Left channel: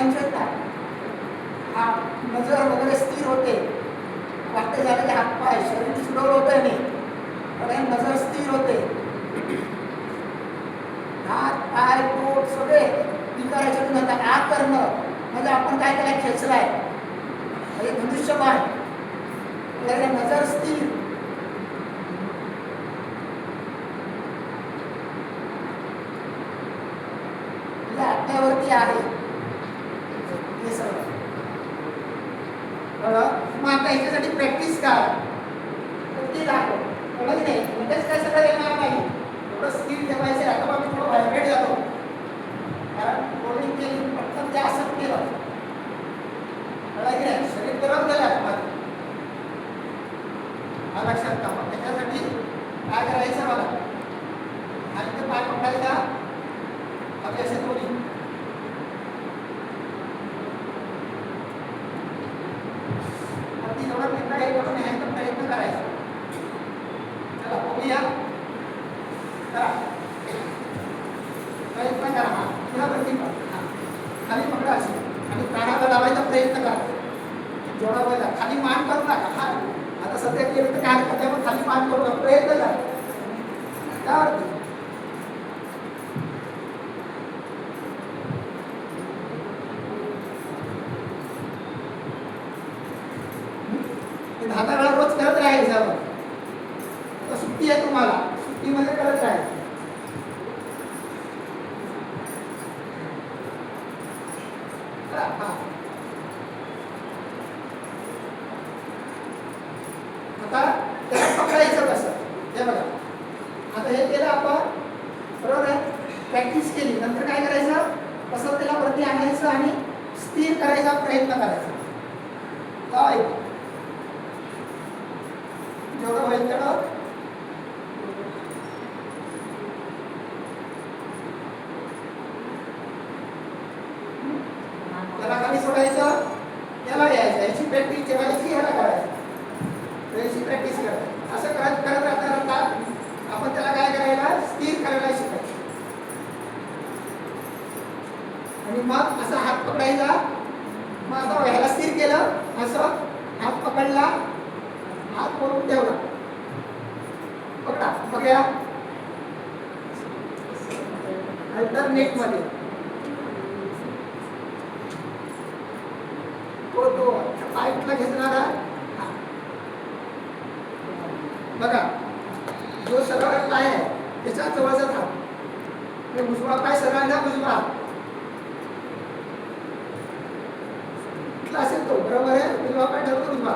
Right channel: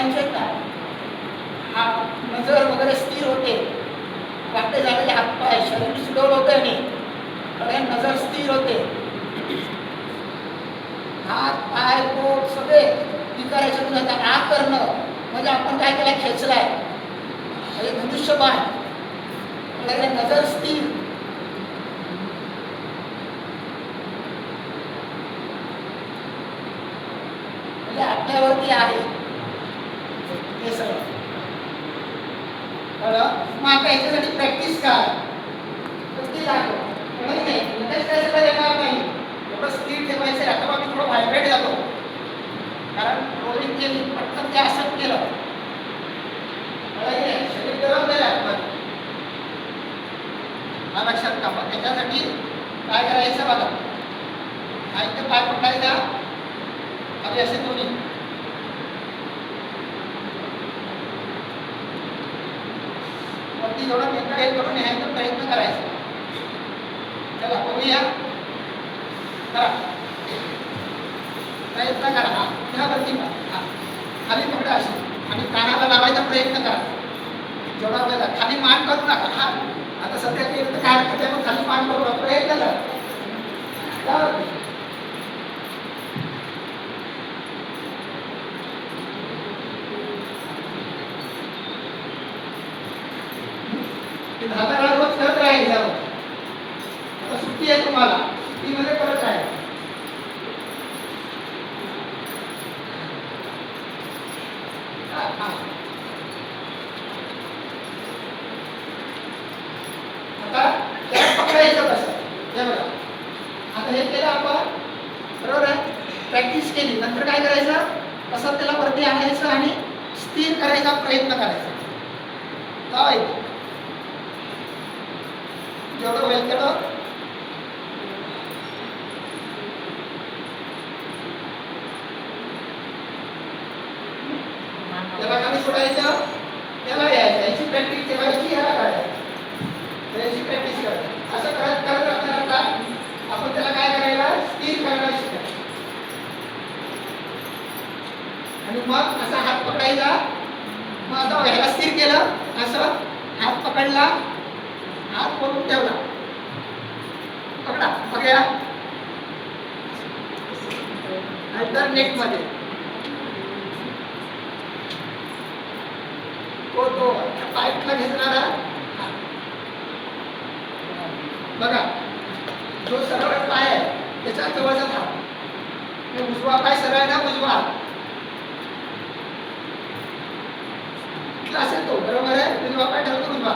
म्हणायचं काय, हा नजर वगैरे स्थिर होते, वाटते झालेले हातपाय शरीर सुडवलं होतं नाही, नजर स्थिर होते, हात पाय पोट सगळे विकारायचं नव्हतं. आ करणं म्हणजे आपण काय त्याला खेचलाय, म्हणजे धनुष्यबाण, नजर स्थिर, म्हणजे आपल्यावरती आहे हे सगळं. मग आता याच्यासाठी प्रॅक्टिस काय, ते दाखव म्हणजे लगेच काय सगळं येणार नाही, एवढं स्थिर ठेवायचं. आता मी थोडं व्हायब्रेट जातो, कारण रोलिंग केली पटकन ते असं केलं शरीर गरम झालं. हा लक्षात ठेवा. त्याच्यासाठी काय करायचं बघा, हा इथे पाय पकडायचा खाली असे दोन्ही, वरती थोडं इकडे करून न्यायचा प्रयत्न करायचा. चला बघूया, करा प्रयत्न करा. हा तेव्हा वरती हा खाली पकडा अशी आणि कानाला लावायचा प्रयत्न करा जेवढा वेळेला. खाली मान करू नका. हा आता सध्या केलं तर काय हरकत आहे, खाली मान करू नका, प्रयत्न करा. धागा रोज करत राहायचं. आता सुट्टी आहे तुम्हाला, सुट्टीमध्ये करत राहायचं. आता त्याला पकडायचं कसं हे बघा. आता हे केलं आपण, बरोबर आहे, प्रॅक्टिस केली. नंतर काय करायचं, कसं त्याला वरती आणायचं आणि स्थिर करायचा प्रयत्न करायचा. जेवढं होईल तेवढं त्याला खाली सोडायचं, त्याला यायचं. याची प्रॅक्टिस ठेवायची, याला करायचं, याची प्रॅक्टिस करायची. असं करत करत राहता आपण त्याला काय करायला, स्थिर करायला शिकायचं. आणि मग असा हात पकडायचा. मग आता ह्याला स्थिर केलं, असं हात पकडला, हात वरून ठेवला, पकडा पकड्या अल्टरनेट मध्ये तो पाईपला घेतणारा बघा, जो सरळ पाय आहे त्याच्या जवळचा थांब. उजवा पाय सरळ आहे ना, उजवा असेल तो, बरोबर आहे. उजवा पाय ठेवतो उजवा.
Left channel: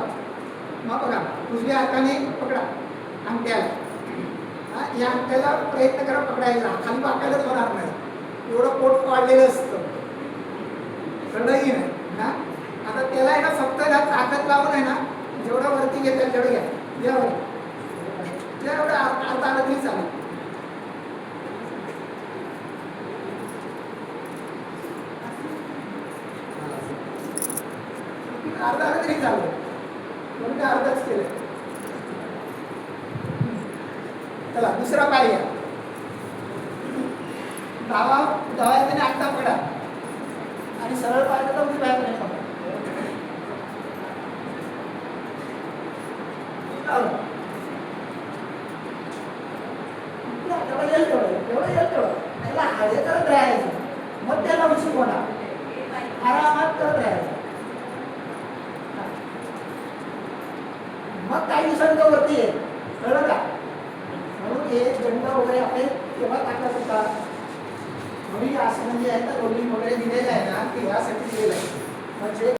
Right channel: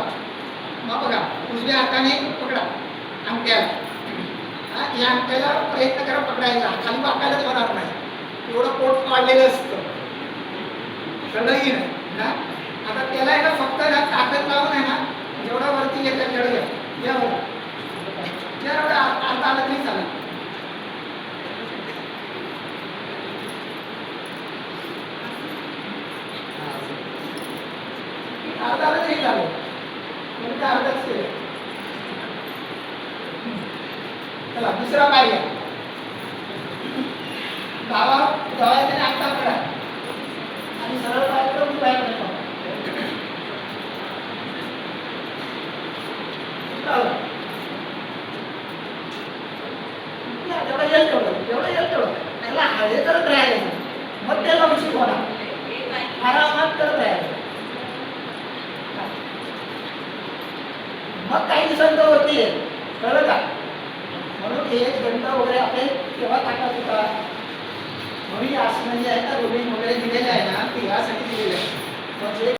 मग बघा उजव्या हाताने पकडा अंगठ्याला, या अंगठ्याला प्रयत्न करा पकडायचा. खाली वाकायलाच होणार नाही, एवढं पोट वाढलेलं असतं, कळलंही नाही ना. आता त्याला आहे ना फक्त ताकद लावून आहे ना, जेवढा वरती घेतात तेवढं घ्या, एवढं अर्धा आलं तरी चालेल. अर्धा आलं तरी चालेल, म्हणजे अर्धाच केलं. चला दुसरा पाय घ्या, धावायचं आता पडा आणि सरळ पाय करून बाहेर नाही पडा. जेवढं येईल तेवढं त्याला हवे करत राहायचं. मग त्याला उशीर होणार, आरामात करत राहायचं. मग काही दिवसांचं वरती आहे, कळलं का. म्हणून हे गणित वगैरे आपले केव्हा टाकत होता, थोडी आसनं जी आहे ना, रोलिंग वगैरे दिलेलं आहे ना, ते यासाठी दिलेलं आहे. म्हणजे